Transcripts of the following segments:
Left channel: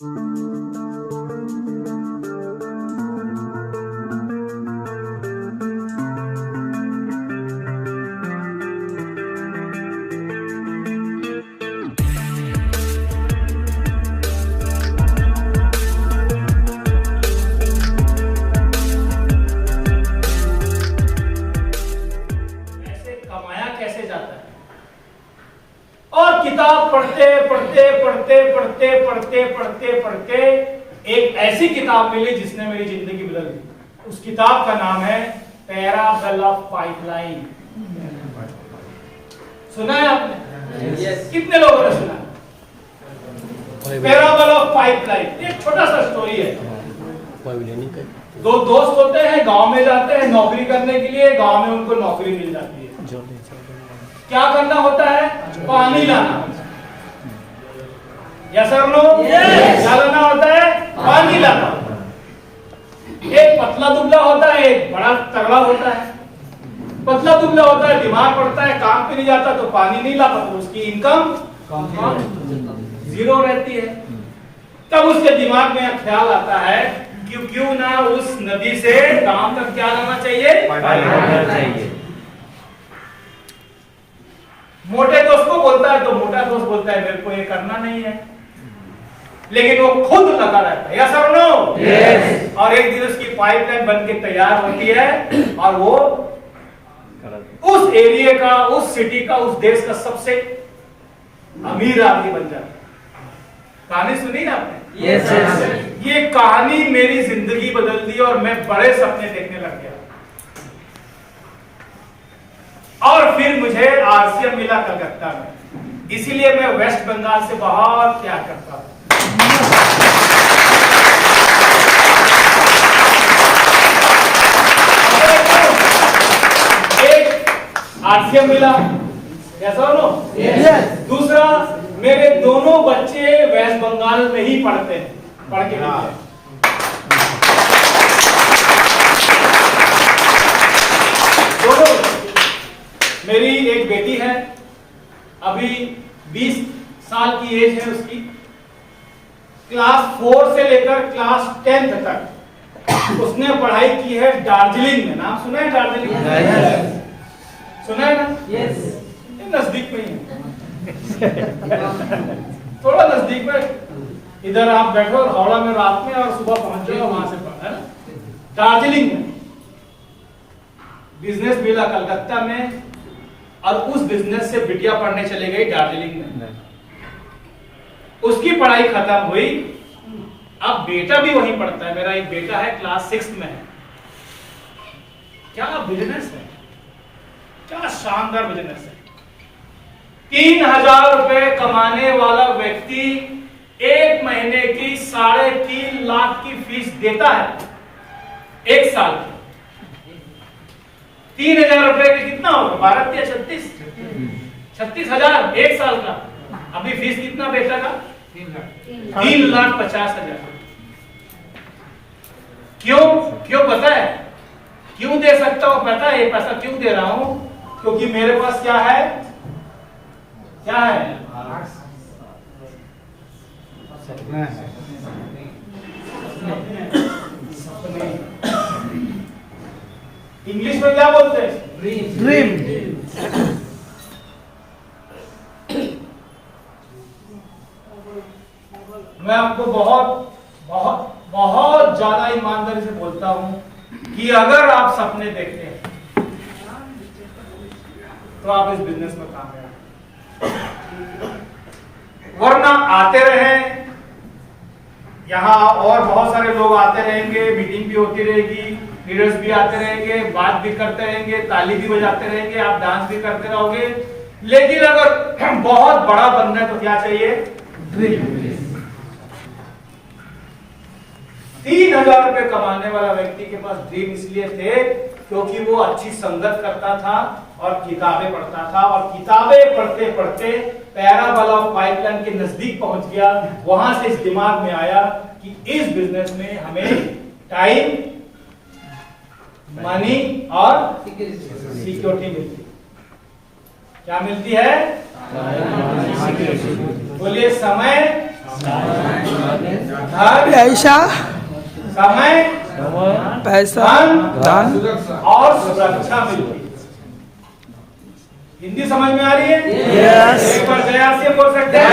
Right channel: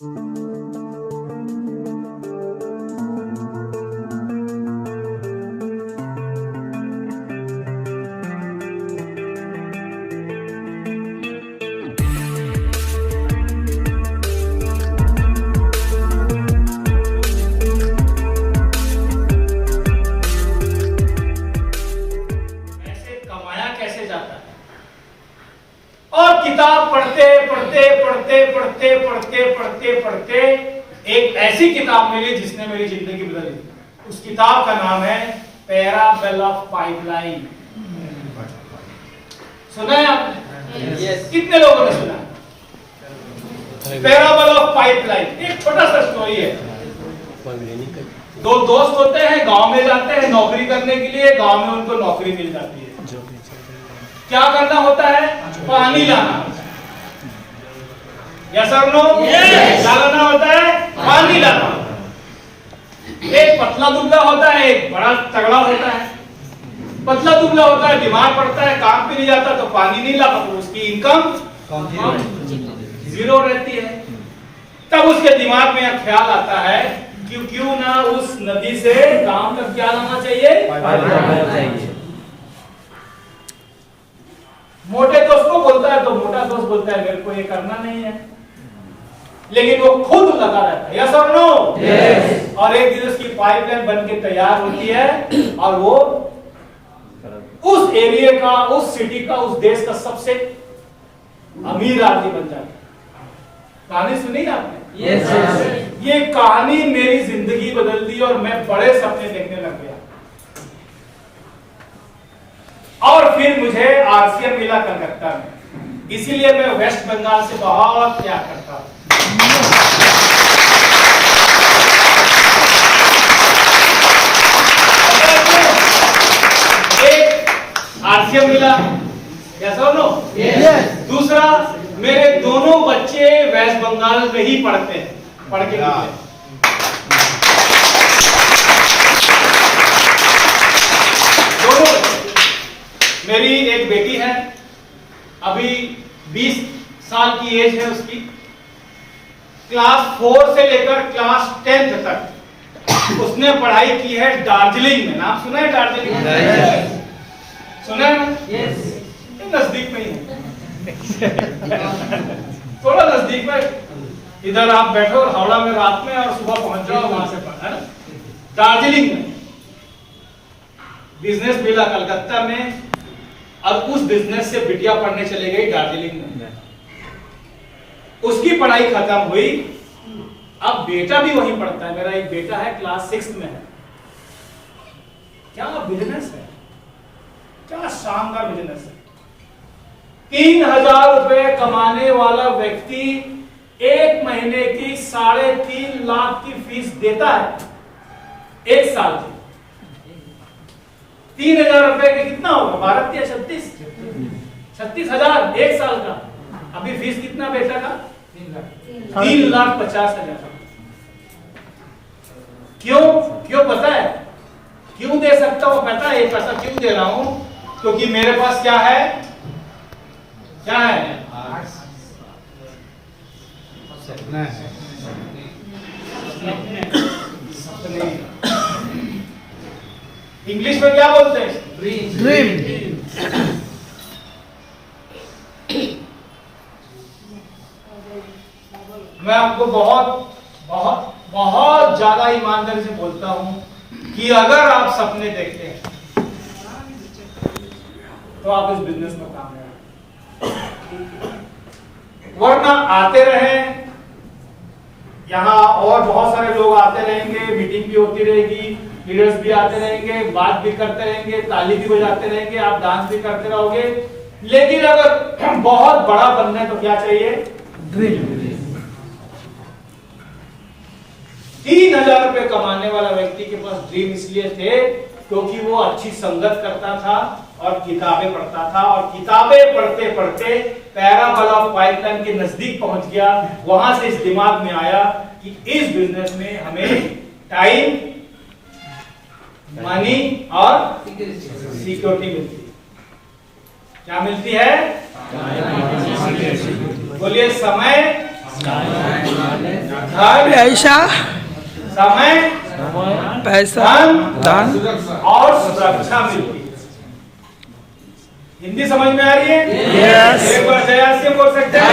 और किताब पढ़ते एक ऐसी किताब मिली जिसने मेरी जिंदगी बदल दी। उस किताब का नाम है पैराबल ऑफ पाइपलाइन। सुना है आपने? yes. कितने लोगों ने सुना है? पैराबल ऑफ पाइपलाइन एक छोटा सा स्टोरी है। दो दोस्त होते हैं, गांव में जाते हैं नौकरी करने के लिए। गांव में उनको नौकरी मिल जाती है। क्या करना होता है? पानी लाना होता है। यस और नो? क्या करना होता है? पानी लाना होता है। एक पतला दुबला होता है, एक बड़ा तगड़ा होता है। पतला दुबला होता है, बीमार पड़ता है, काम पे नहीं जाता तो पानी नहीं ला पाता, उसकी इनकम जीरो रहती है। तब उसके दिमाग में यह ख्याल आता है क्यों ना उस नदी से गांव तक क्या लाना चाहिए? मोटे दोस्त को बोलता है तो मोटा दोस्त बोलता है मेरे को ये करना नहीं है, लेकिन वो खुद लगा रहता है। यस और नो? यस। और एक दिन उसकी पाइपलाइन बनके तैयार होती है और वो उस एरिया का, उस सिटी का, उस देश का सबसे अमीर आदमी बन जाता है। कहानी सुनी आपने? यस। ये कहानी मेरी जिंदगी बदल दी और मैं बड़े सपने देखने लग गया। और फिर मुझे आरसीएम मिला कलकत्ता में, इसीलिए मैं वेस्ट बंगाल से बहुत प्यार करता हूं। एक आरसीएम मिला, कैसा नो? यस। दूसरा, मेरे दोनों बच्चे वेस्ट बंगाल में ही पढ़ते हैं, पढ़ के निकले। दोनों, मेरी एक बेटी है, अभी 20 साल की एज है उसकी। क्लास 4 से लेकर क्लास 10 तक उसने पढ़ाई की है दार्जिलिंग में। नाम सुना है दार्जिलिंग? सुना है ना? यस। नजदीक में ही है, थोड़ा नजदीक में। इधर आप बैठो हावड़ा में रात में और सुबह पहुंच जाओ वहां से पढ़ा। दार्जिलिंग में बिजनेस मिला कलकत्ता में, और उस बिजनेस से बिटिया पढ़ने चले गई दार्जिलिंग में। उसकी पढ़ाई खत्म हुई, अब बेटा भी वहीं पढ़ता है। मेरा एक बेटा है, क्लास 6 में है। क्या बिजनेस है, क्या शानदार बिजनेस है। 3000 रुपए कमाने वाला व्यक्ति एक महीने की 3.5 लाख की फीस देता है, एक साल की। 3000 रुपए के कितना होगा? 12 या 36,000 एक साल का। अभी फीस कितना बेटा का? 3,50,000। क्यों पता है? क्यों दे सकता हूं पता है? ये पैसा क्यों दे रहा हूं? क्योंकि मेरे पास क्या है? क्या है? इंग्लिश में क्या बोलते हैं? ड्रीम। मैं आपको बहुत बहुत बहुत ज्यादा ईमानदारी से बोलता हूं कि अगर आप सपने देखते हैं तो आप इस बिजनेस में कामयाब, वरना आते रहे यहाँ और बहुत सारे लोग आते रहेंगे, मीटिंग भी होती रहेगी, लीडर्स भी आते रहेंगे, बात भी करते रहेंगे, ताली भी बजाते रहेंगे, आप डांस भी करते रहोगे। लेकिन अगर बहुत बड़ा बनना है तो क्या चाहिए? ड्रीम। 3000 रुपए कमाने वाला व्यक्ति के पास ड्रीम इसलिए थे क्योंकि वो अच्छी संगत करता था और किताबें पढ़ता था, और किताबें पढ़ते पढ़ते पैराबल ऑफ पाइपलाइन के नजदीक पहुंच गया। वहां से इस दिमाग में आया कि इस बिजनेस में हमें टाइम, मनी और सिक्योरिटी मिलती है। क्या मिलती है? बोलिए, समय, धन, पैसा, समय, पैसा, धन और सुरक्षा मिलती है। हिंदी समझ में आ रही है? Yes. एक बार जय से बोल सकते हैं।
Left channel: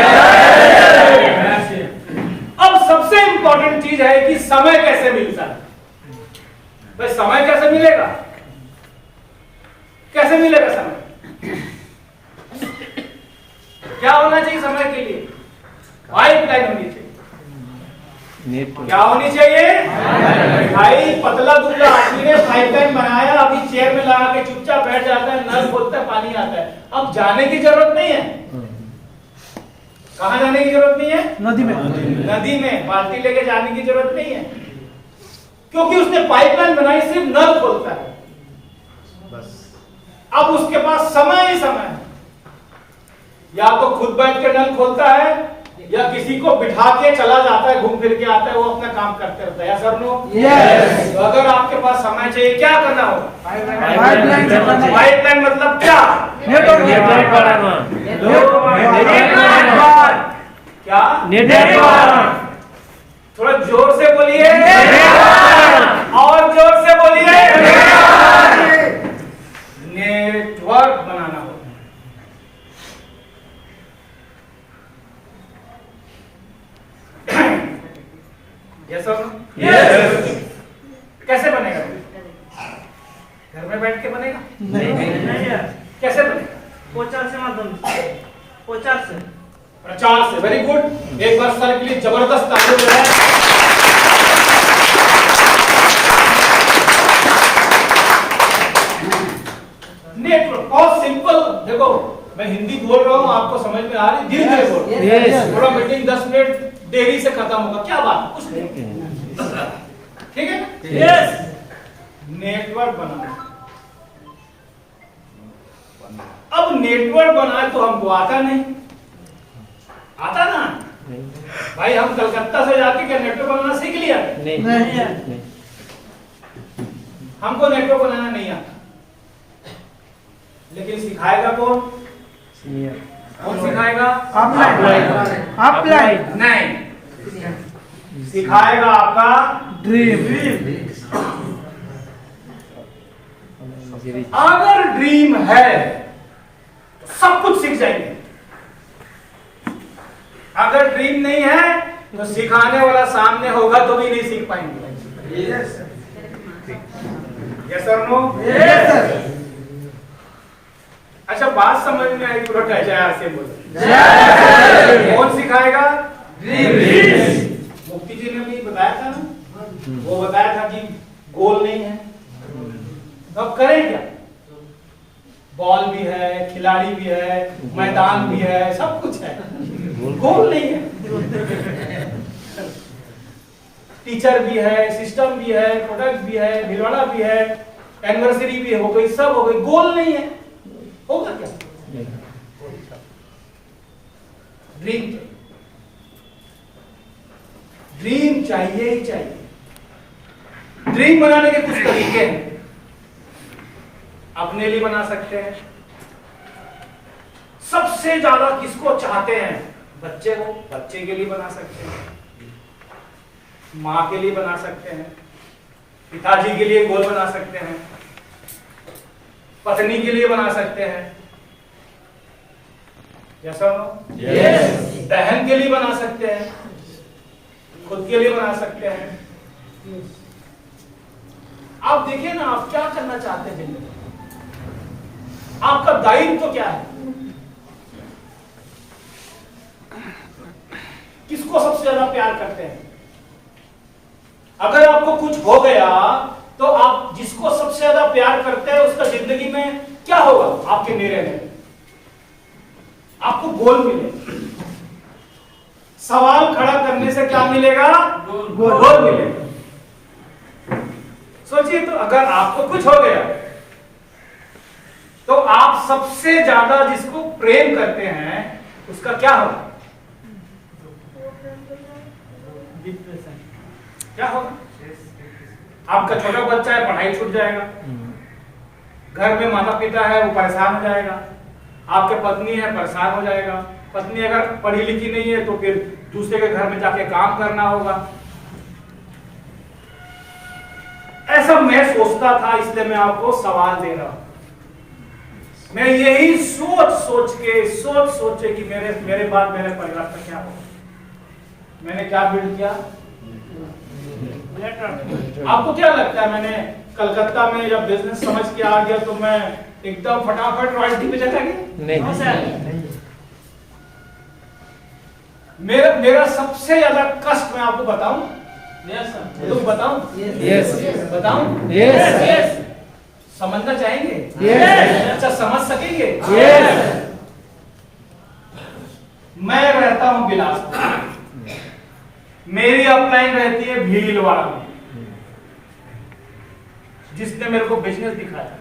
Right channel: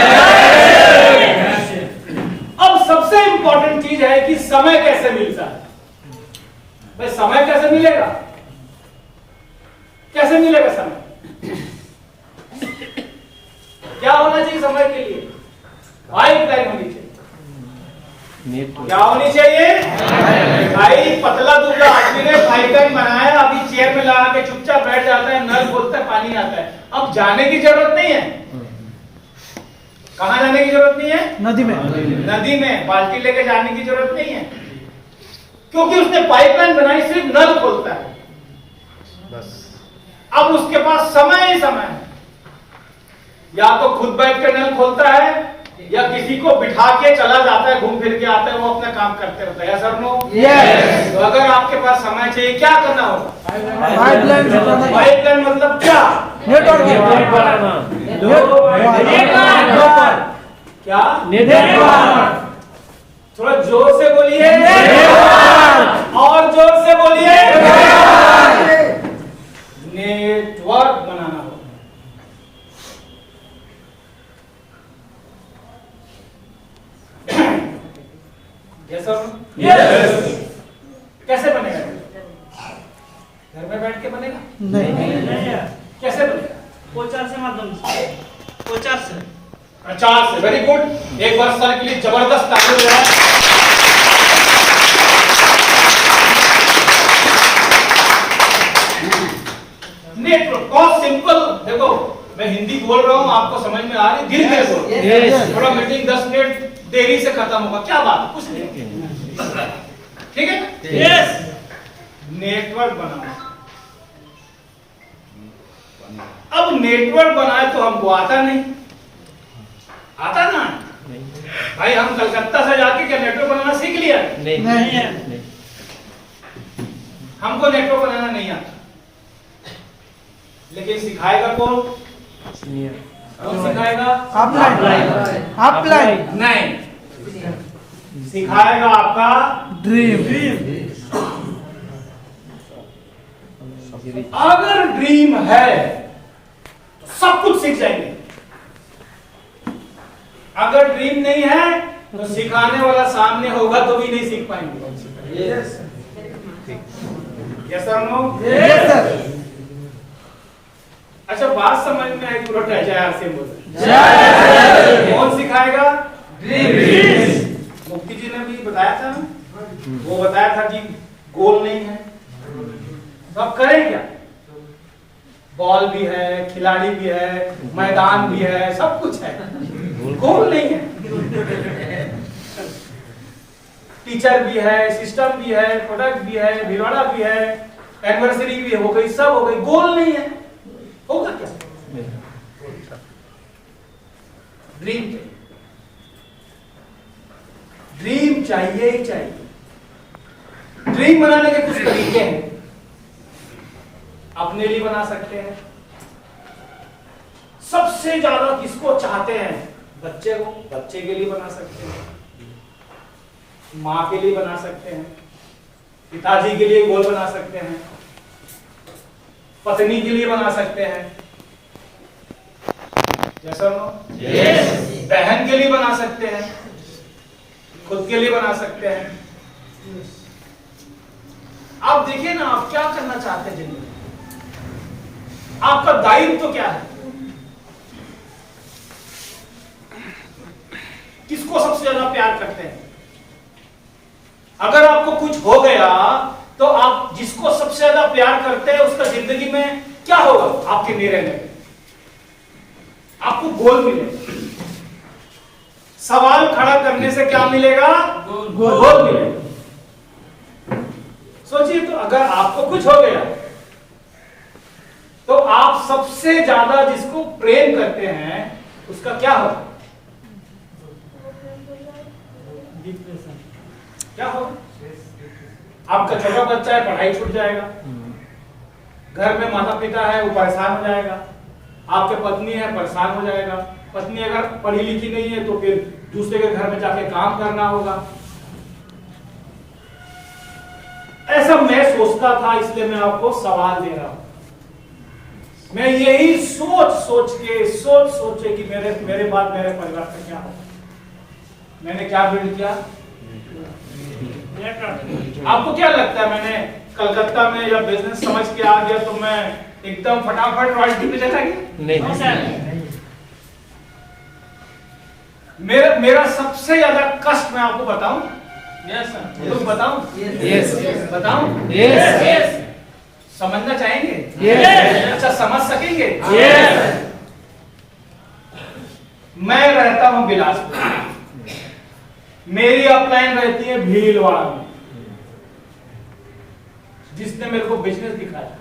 अब सबसे इंपॉर्टेंट चीज है कि समय कैसे मिलता है। भाई समय कैसे मिलेगा? कैसे मिलेगा समय? क्या होना चाहिए समय के लिए? पाइपलाइन होनी चाहिए। क्या होनी चाहिए? भाई पतला दुबला आदमी ने पाइपलाइन बनाया, अभी चेयर में लगा के चुपचाप बैठ जाता है, नल खोलता है, पानी आता है। अब जाने की जरूरत नहीं है। कहां जाने की जरूरत नहीं है? नदी में। नदी में बाल्टी लेके जाने की जरूरत नहीं है, क्योंकि उसने पाइपलाइन बनाई, सिर्फ नल खोलता है बस। अब उसके पास समय ही समय है, या तो खुद बैठ के नल खोलता है या किसी को बिठा के चला जाता है, घूम फिर के आता है, वो अपना काम करते रहता है। Sir no? यस। तो अगर आपके पास समय चाहिए, क्या करना होगा? पाइपलाइन। पाइपलाइन मतलब क्या? नेटवर्क बनाना। क्या? नेटवर्क। थोड़ा जोर से बोलिए, और जोर से बोलिए। नेटवर्क बनाना होगा। यस और नो? यस। कैसे बनेगा? घर में बैठ के बनेगा? नहीं। कैसे बनेगा? प्रचार से माध्यम से, प्रचार से। प्रचार से। Very good. एक बार सर के लिए जबरदस्त ताली हो जाए। नेटवर्क बहुत सिंपल। देखो मैं हिंदी बोल रहा हूँ, आपको समझ में आ रही? धीरे धीरे बोलो। थोड़ा मीटिंग 10 मिनट देरी से खत्म होगा, क्या बात? कुछ नहीं, ठीक है? यस। नेटवर्क बनाना। अब नेटवर्क बनाए तो हमको आता नहीं, आता ना भाई। हम कलकत्ता से जाके क्या नेटवर्क बनाना सीख लिया? नहीं। हमको नेटवर्क बनाना नहीं आता, लेकिन सिखाएगा कौन? कौन सिखाएगा? अपलाइन। नहीं, सिखाएगा आपका ड्रीम। अगर ड्रीम है तो सब कुछ सीख जाएंगे। अगर ड्रीम नहीं है तो सिखाने वाला सामने होगा तो भी नहीं सीख पाएंगे। यस और नो? Yes sir. अच्छा बात समझ में आई? पूरा जय से बोलो। कौन सिखाएगा? ड्रीम। मुफ्ती जी ने भी बताया था ना, वो बताया था कि गोल नहीं है, तो अब करें क्या? बॉल भी है, खिलाड़ी भी है, मैदान भी है, सब कुछ है, गोल नहीं है। टीचर भी है, सिस्टम भी है, प्रोडक्ट भी है, भिलवाड़ा भी है, एनिवर्सरी भी हो गई, सब हो गई, गोल नहीं है। होगा क्या? ड्रीम। ड्रीम चाहिए ही चाहिए। ड्रीम बनाने के कुछ तरीके हैं। अपने लिए बना सकते हैं। सबसे ज्यादा किसको चाहते हैं? बच्चे को, बच्चे के लिए बना सकते हैं, माँ के लिए बना सकते हैं, पिताजी के लिए गोल बना सकते हैं, पत्नी के लिए बना सकते हैं, जैसा यस। बहन के लिए बना सकते हैं, खुद के लिए बना सकते हैं। आप देखिए ना, आप क्या करना चाहते हैं जिंदगी में? आपका दायित्व तो क्या है? किसको सबसे ज्यादा प्यार करते हैं? अगर आपको कुछ हो गया तो आप जिसको सबसे ज्यादा प्यार करते हैं उसका जिंदगी में क्या होगा? आपके निर्णय में आपको गोल मिलेगा। सवाल खड़ा करने से क्या मिलेगा? गोल मिलेगा। सोचिए तो, अगर आपको कुछ हो गया तो आप सबसे ज्यादा जिसको प्रेम करते हैं उसका क्या होगा? क्या होगा? आपका छोटा बच्चा है, पढ़ाई छूट जाएगा। घर में माता पिता है, वो परेशान हो जाएगा। आपके पत्नी है, परेशान हो जाएगा। पत्नी अगर पढ़ी लिखी नहीं है तो फिर दूसरे के घर में जाके काम करना होगा। ऐसा मैं सोचता था, इसलिए मैं आपको सवाल दे रहा हूं। मैं यही सोच के कि मेरे बाद मेरे परिवार का क्या होगा। मैंने क्या बिल्ड किया? आपको क्या लगता है मैंने कलकत्ता में जब बिजनेस समझ के आ गया तो मैं एकदम फटाफट रॉयल्टी पे चला गया? नहीं। मेरा सबसे ज्यादा कष्ट मैं आपको बताऊं? Yes sir. तुम बताऊं? यस। बताऊं? यस। समझना चाहेंगे? यस। अच्छा, समझ सकेंगे? यस। मैं रहता हूं बिलासपुर, मेरी अपलाइन रहती है भीलवाड़ा में। जिसने मेरे को बिजनेस दिखाया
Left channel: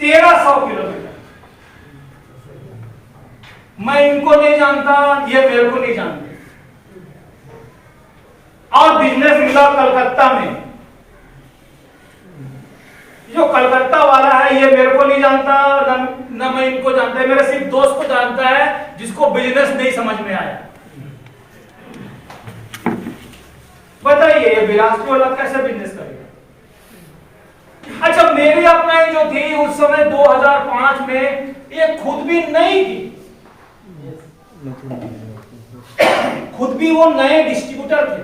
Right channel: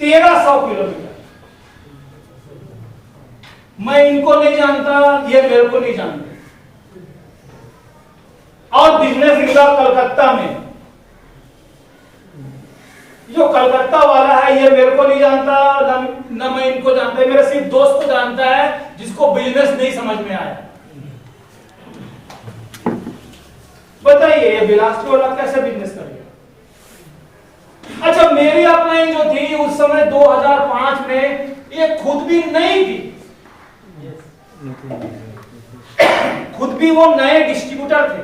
1300 किलोमीटर। मैं इनको नहीं जानता, ये मेरे को नहीं जानते। और बिजनेस मिला कलकत्ता में। जो कलकत्ता वाला है ये मेरे को नहीं जानता, न मैं इनको जानता है। मेरा सिर्फ दोस्त को जानता है जिसको बिजनेस नहीं समझ में आया। बताइए ये बिलासपुर वाला कैसे बिजनेस करेगा? अच्छा, मेरी अपलाइन जो थी उस समय 2005 में, ये खुद भी नई थी। खुद भी वो नए डिस्ट्रीब्यूटर थे।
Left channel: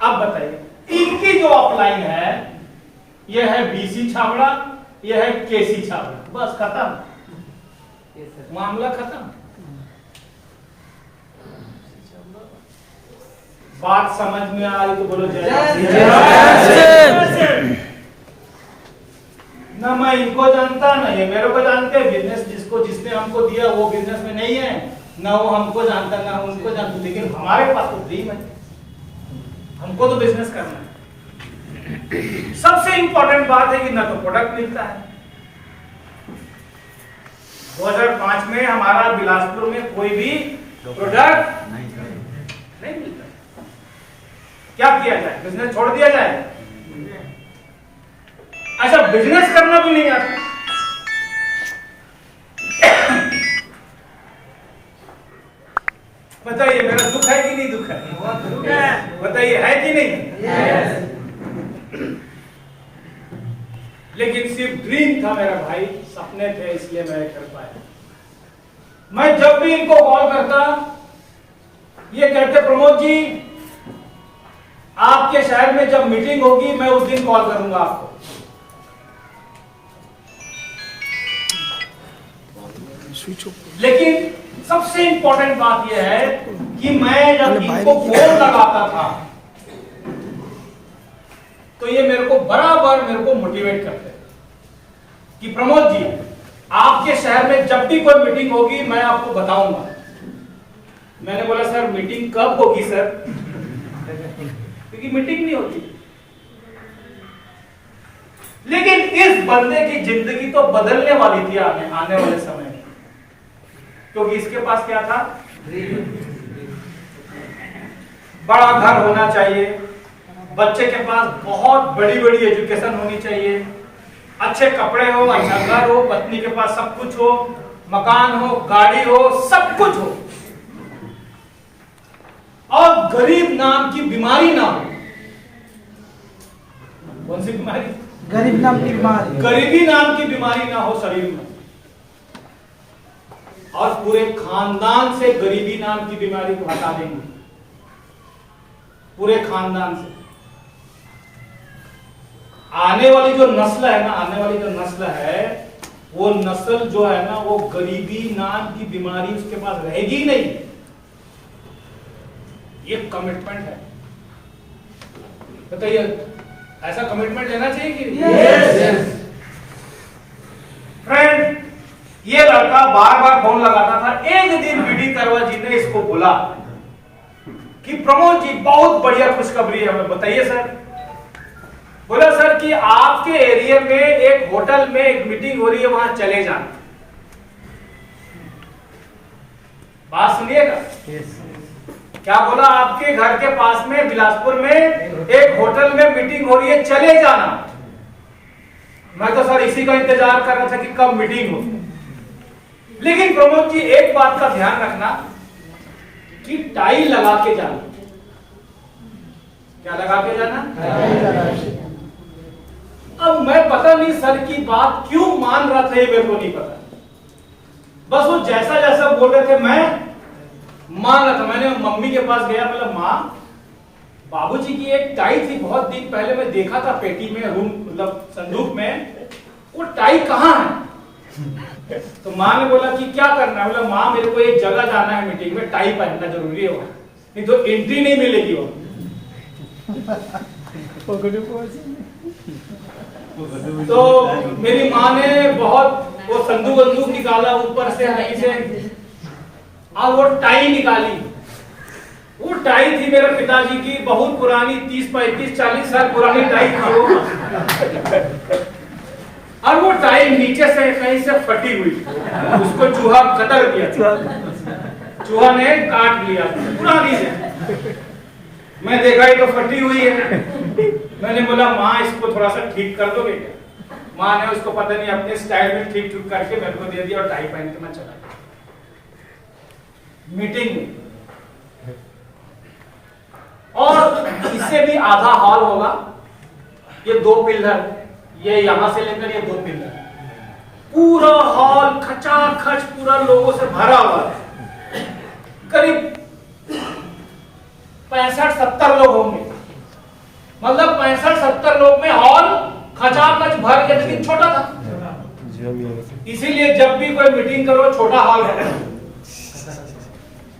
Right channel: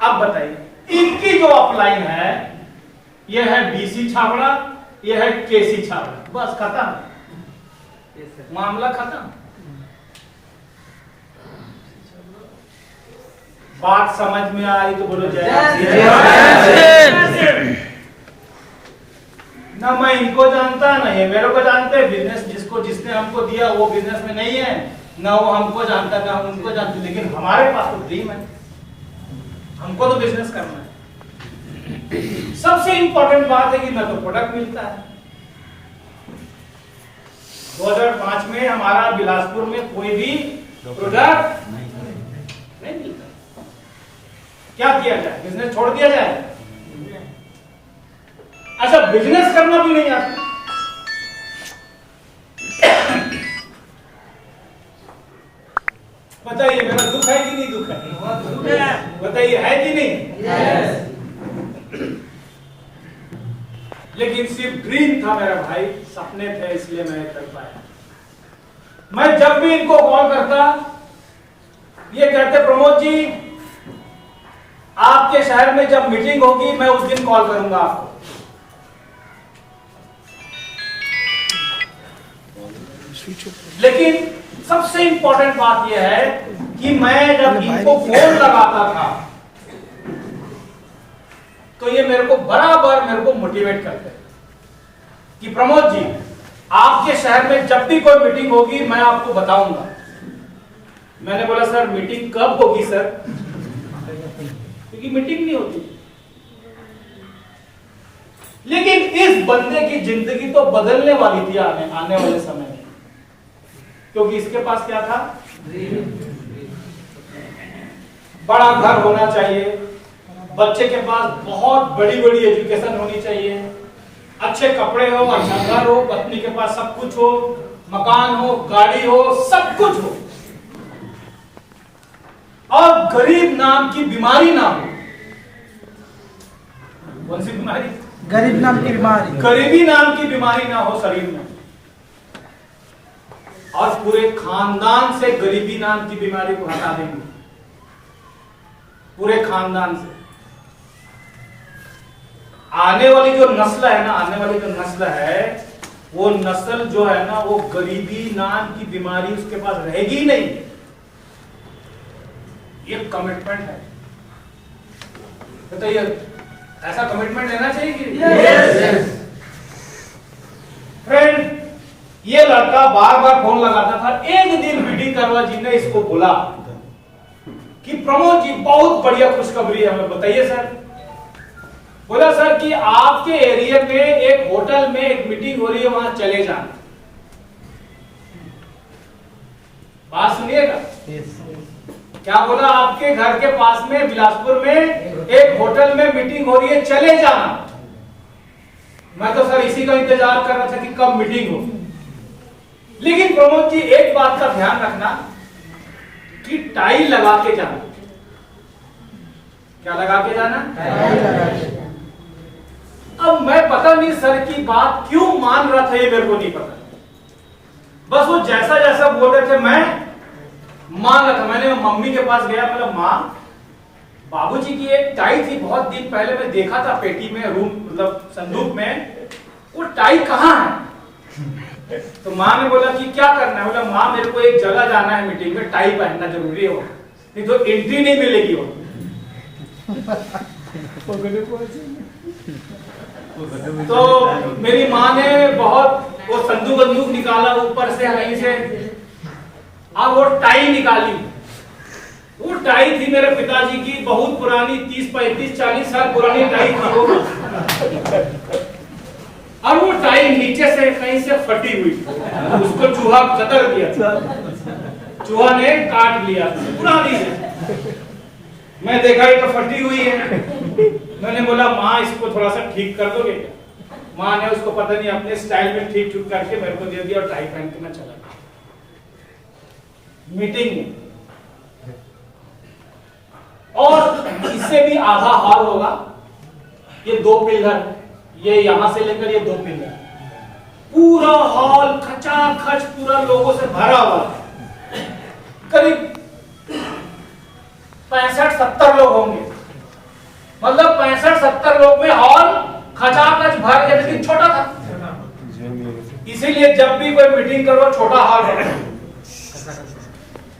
अब बताइए, इनकी जो अपलाइन है ये है बीसी छाबड़ा, ये है केसी छाबड़ा। बस खत्म, मामला खत्म। बात समझ में आ रही तो बोलो जय। ना मैं इनको जानता ना ये मेरे को जानते। बिजनेस जिसने हमको दिया वो बिजनेस में नहीं है, ना वो हमको जानता ना उनको जानते। लेकिन हमारे पास तो ड्रीम है, हमको तो बिजनेस करना है। सबसे इंपॉर्टेंट बात है कि ना तो प्रोडक्ट मिलता है। 2005 में हमारा बिलासपुर में कोई भी प्रोडक्ट नहीं मिलता। क्या किया जाए? बिजनेस छोड़ दिया जाए? अच्छा, बिजनेस करना भी नहीं आता। बताइए मेरा दुख है कि नहीं दुख है? बताइए है कि नहीं? लेकिन सिर्फ ड्रीम था मेरा भाई, सपने थे, इसलिए मैं कर पाया। मैं जब भी इनको कॉल करता ये कहते प्रमोद जी आपके शहर में जब मीटिंग होगी मैं उस दिन कॉल करूंगा आपको। लेकिन सबसे इंपॉर्टेंट बात यह है कि मैं जब इनको फोन लगाता था तो ये मेरे को बराबर मेरे को मोटिवेट करते कि प्रमोद जी आपके शहर में जब भी कोई मीटिंग होगी मैं आपको बताऊंगा। मैंने बोला सर मीटिंग कब होगी सर? क्योंकि मीटिंग नहीं होती। लेकिन इस बंदे की जिंदगी तो बदलने वाली थी आने वाले समय में, क्योंकि इसके पास क्या था? बड़ा घर होना चाहिए, बच्चे के पास बहुत बड़ी बड़ी एजुकेशन होनी चाहिए, अच्छे कपड़े हो, अच्छा घर हो, पत्नी के पास सब कुछ हो, मकान हो, गाड़ी हो, सब कुछ हो, और गरीब नाम की बीमारी ना हो। कौन सी बीमारी? गरीब नाम की बीमारी। गरीबी नाम की बीमारी ना हो शरीर में, और पूरे खानदान से गरीबी नाम की बीमारी को हटा देंगे, पूरे खानदान से। आने वाली जो नस्ल है ना, आने वाली जो नस्ल है वो नस्ल जो है ना वो गरीबी नाम की बीमारी उसके पास रहेगी ही नहीं। ये कमिटमेंट है। बताइए ऐसा कमिटमेंट लेना चाहिए कि? यस। फ्रेंड, ये लड़का बार बार फोन लगाता था। एक दिन बीडी करवा जी ने इसको बोला कि प्रमोद जी बहुत बढ़िया खुशखबरी है हमें। बताइए सर। बोला सर कि आपके एरिया में एक होटल में एक मीटिंग हो रही है, वहां चले जाना। बात सुनिएगा। क्या बोला? आपके घर के पास में बिलासपुर में एक होटल में मीटिंग हो रही है, चले जाना। मैं तो सर इसी का इंतजार कर रहा था कि कब मीटिंग हो। लेकिन प्रमोद जी एक बात का ध्यान रखना कि टाई लगा के जाना। क्या लगा के जाना? अब मैं पता नहीं सर की बात क्यों मान रहा था, ये मेरे को नहीं पता। बस वो जैसा जैसा बोल रहे थे मैं मान रहा था। मैंने मम्मी के पास गया, बोला माँ बाबूजी की एक टाई थी बहुत दिन पहले, मैं देखा था पेटी में, रूम मतलब संदूक में, वो टाई कहाँ है? तो माँ ने बोला कि क्या करना है? बोला माँ मेरे को एक जगह जाना है मीटिंग में, टाई पहनना जरूरी है वहां, नहीं तो एंट्री नहीं मिलेगी वहां। तो मेरी माँ ने बहुत वो संदूक निकाला ऊपर से नीचे, अब वो टाई निकाली। वो टाई थी मेरे पिताजी की, बहुत पुरानी, 30 35 40 साल पुरानी टाई थी वो। और वो टाई नीचे से कहीं से फटी हुई, उसको चूहा कतर दिया, चूहा ने काट लिया, पुरानी है। मैं देखा ये तो फटी हुई है। मैंने बोला माँ इसको थोड़ा सा ठीक कर दोगे क्या? माँ ने उसको पता नहीं अपने स्टाइल में ठीक ठीक करके मेरे को दे दिया और टाई पहन के मैं चला गया मीटिंग में। और इससे भी आधा हॉल होगा, ये 2 पिलर, ये यहां से लेकर ये 2 पिलर, पूरा हॉल खचाखच पूरा लोगों से भरा हुआ है। करीब 65-70 लोग होंगे, मतलब 65-70 लोग में हॉल खचाखच भर के, लेकिन छोटा था। इसीलिए जब भी कोई मीटिंग करो छोटा हॉल है,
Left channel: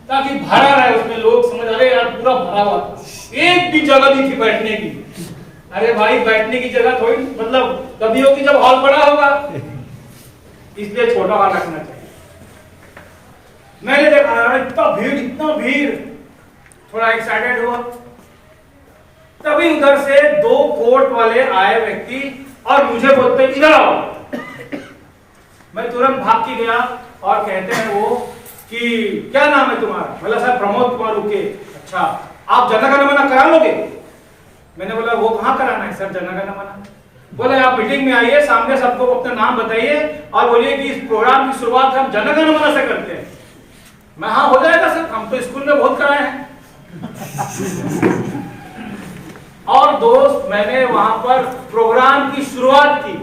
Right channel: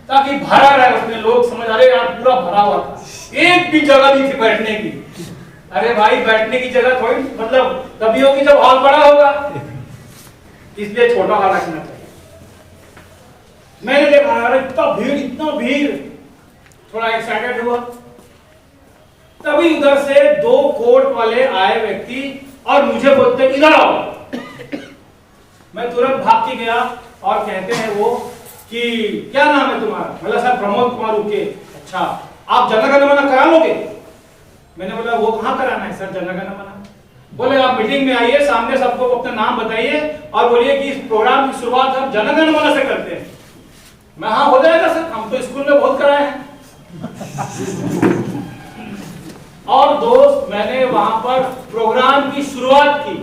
ताकि भरा रहे उसमें, लोग समझ आ रहे यार पूरा भरा हुआ था, एक भी जगह नहीं थी बैठने की। अरे भाई बैठने की जगह थोड़ी मतलब तभी होगी जब हॉल बड़ा होगा, इसलिए छोटा हॉल रखना चाहिए। मैंने देखा यार इतना भीड़, थोड़ा एक्साइटेड हुआ। तभी उधर से 2 कोट वाले आए व्यक्ति और मुझे बोलते इधर आओ। मैं तुरंत भाग के गया और कहते हैं वो कि क्या नाम है तुम्हारा? बोला सर प्रमोद कुमार उके। अच्छा आप जनगण मन करा लोगे? मैंने बोला वो कहाँ कराना है सर जनगण मन? बोले आप मीटिंग में आइए, सामने सबको अपना नाम बताइए और बोलिए कि इस प्रोग्राम की शुरुआत हम जनगण मन से करते हैं। मैं हाँ हो जाएगा सर, हम तो स्कूल में बहुत कराए हैं। और दोस्त मैंने वहां पर प्रोग्राम की शुरुआत की।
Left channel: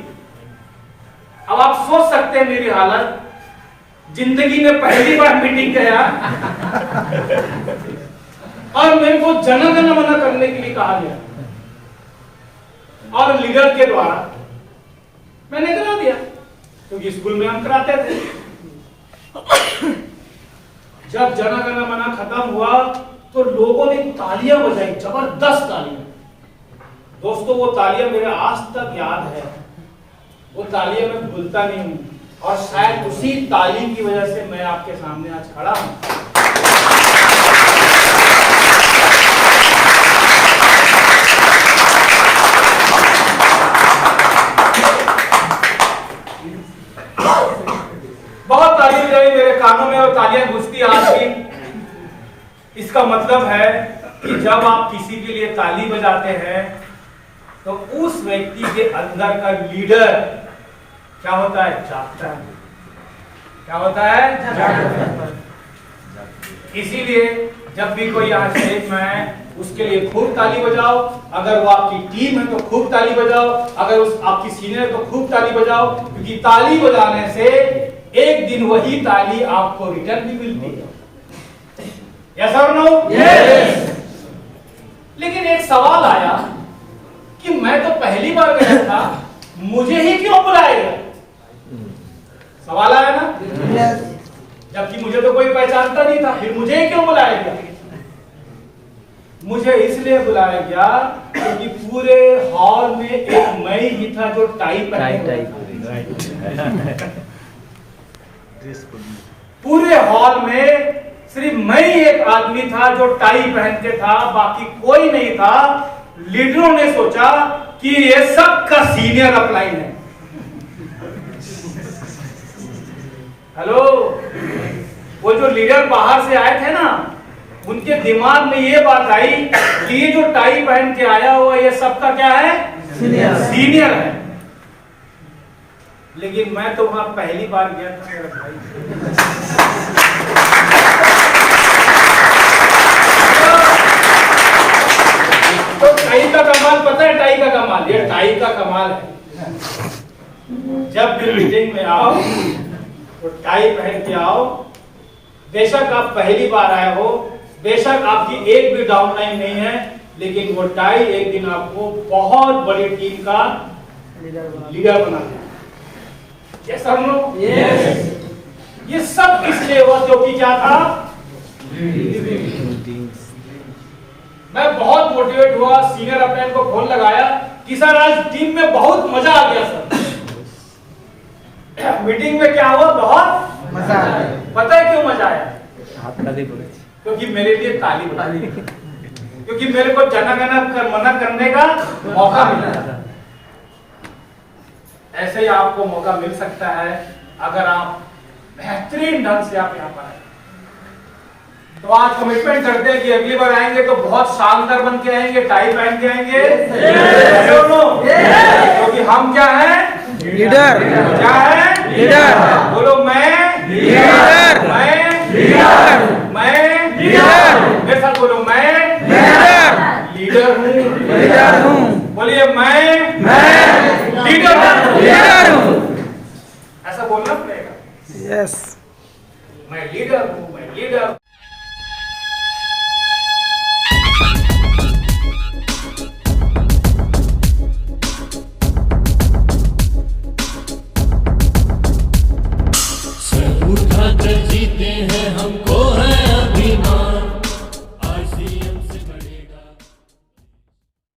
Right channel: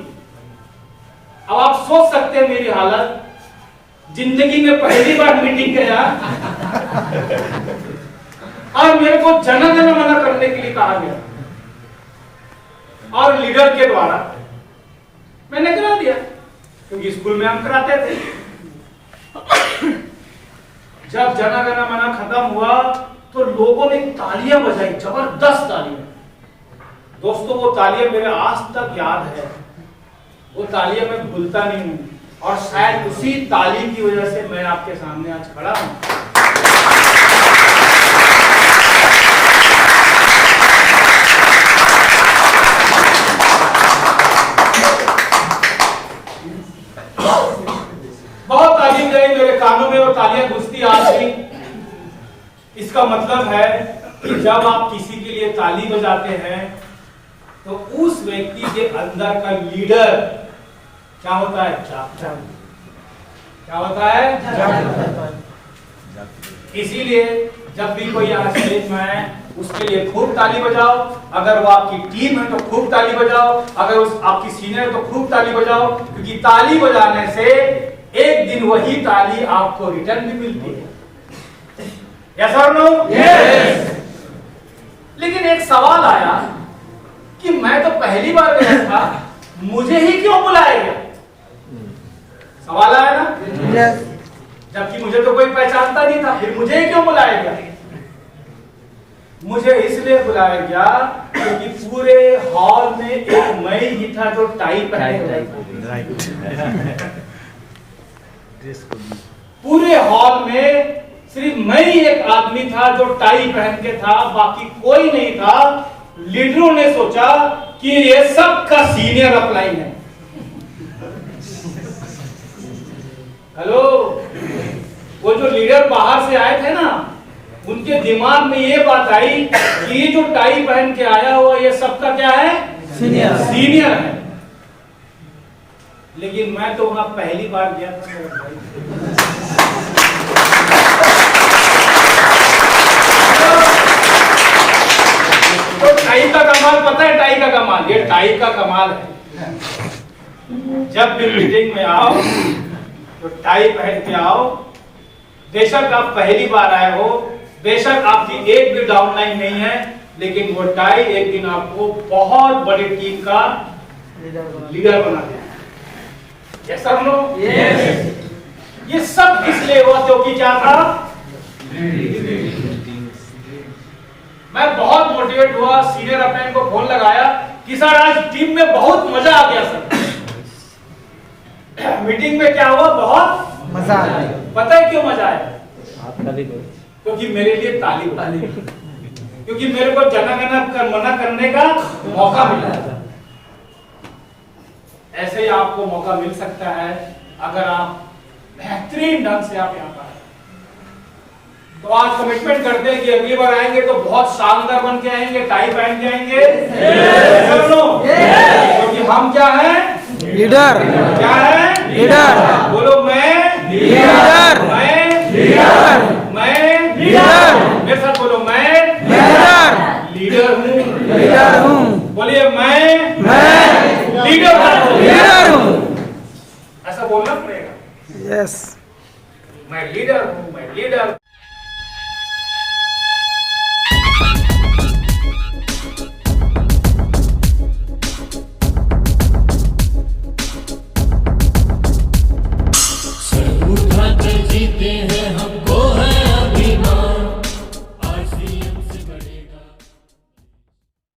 अब आप सोच सकते हैं मेरी हालत, जिंदगी में पहली बार मीटिंग गया और मेरे को जनगण मन करने के लिए कहा गया और लीडर के द्वारा मैंने करा दिया, क्योंकि स्कूल में हम कराते थे। जब जनगण मन खत्म हुआ तो लोगों ने तालियां बजाई, जबरदस्त तालियां। दोस्तों वो तालियां मेरे आज तक याद है, वो तालियां मैं भूलता नहीं हूं, और शायद उसी तालीम की वजह से मैं आपके सामने आज खड़ा हूं। बहुत तालीम गई मेरे कानों में और तालियां गूंजती आज भी। इसका मतलब है कि जब आप किसी के लिए ताली बजाते हैं तो उस व्यक्ति के अंदर का लीडर क्या होता है? जागता है। क्या होता है? जागता है। इसीलिए जब भी कोई यहाँ स्टेज में आए उसके लिए खूब ताली बजाओ। अगर वो आपकी टीम है तो खूब ताली बजाओ, अगर उस आपकी सीनियर है तो खूब ताली बजाओ, क्योंकि ताली बजाने से एक दिन वही ताली आपको रिटर्न भी मिलती है। यस और नो? यस। लेकिन एक सवाल आया कि मैं तो पहली बार गया था, मुझे ही क्यों बुलाया गया? सवाल आया ना? yes. जबकि मुझे तो कोई पहचानता नहीं था, फिर मुझे क्यों बुलाया गया? मुझे इसलिए बुलाया गया क्योंकि पूरे हॉल में एक मैं ही था जो टाई पहने हुआ था। पूरे हॉल में सिर्फ मैं ही एक आदमी था जो टाई पहन के था, बाकी कोई नहीं था। लीडरों ने सोचा कि ये सबका सीनियर अपलाइन है। हेलो, वो जो लीडर बाहर से आए थे ना, उनके दिमाग में ये बात आई कि ये जो टाई पहन के आया हुआ ये सबका क्या है? सीनियर है। लेकिन मैं तो वहां पहली बार गया था मेरा भाई। तो टाई का कमाल पता है, टाई का कमाल, ये टाई का कमाल है। जब भी मीटिंग में आओ तो टाई पहन के आओ। बेशक आप पहली बार आए हो, बेशक आपकी एक भी डाउनलाइन नहीं है, लेकिन वो टाई एक दिन आपको बहुत बड़ी टीम का लीडर बना देगा। यस और नो? यस। ये सब इसलिए हुआ क्योंकि क्या था? मैं बहुत मोटिवेट हुआ, सीनियर अपने को फोन लगाया कि सर आज टीम में बहुत मजा आ गया सर। मीटिंग में क्या हुआ? बहुत मजा आया। पता है क्यों मजा आया? क्योंकि मेरे लिए ताली बजाई, क्योंकि मेरे को मना करने का मौका मिला। ऐसे ही आपको मौका मिल सकता है अगर आप बेहतरीन ढंग से आप यहाँ पर आए। तो आज कमिटमेंट करते हैं कि अगली बार आएंगे तो बहुत शानदार बन के आएंगे, टाई पहन के आएंगे। क्योंकि हम क्या हैं? लीडर। क्या है? लीडर। बोलो मैं लीडर। मैं लीडर। मैं लीडर। मेरे साथ बोलो, मैं लीडर। लीडर हूँ। लीडर हूँ। बोलिए मैं लीडर हूँ। लीडर हूँ। ऐसा बोलना पड़ेगा। यस। मैं लीडर हूँ, मैं लीडर।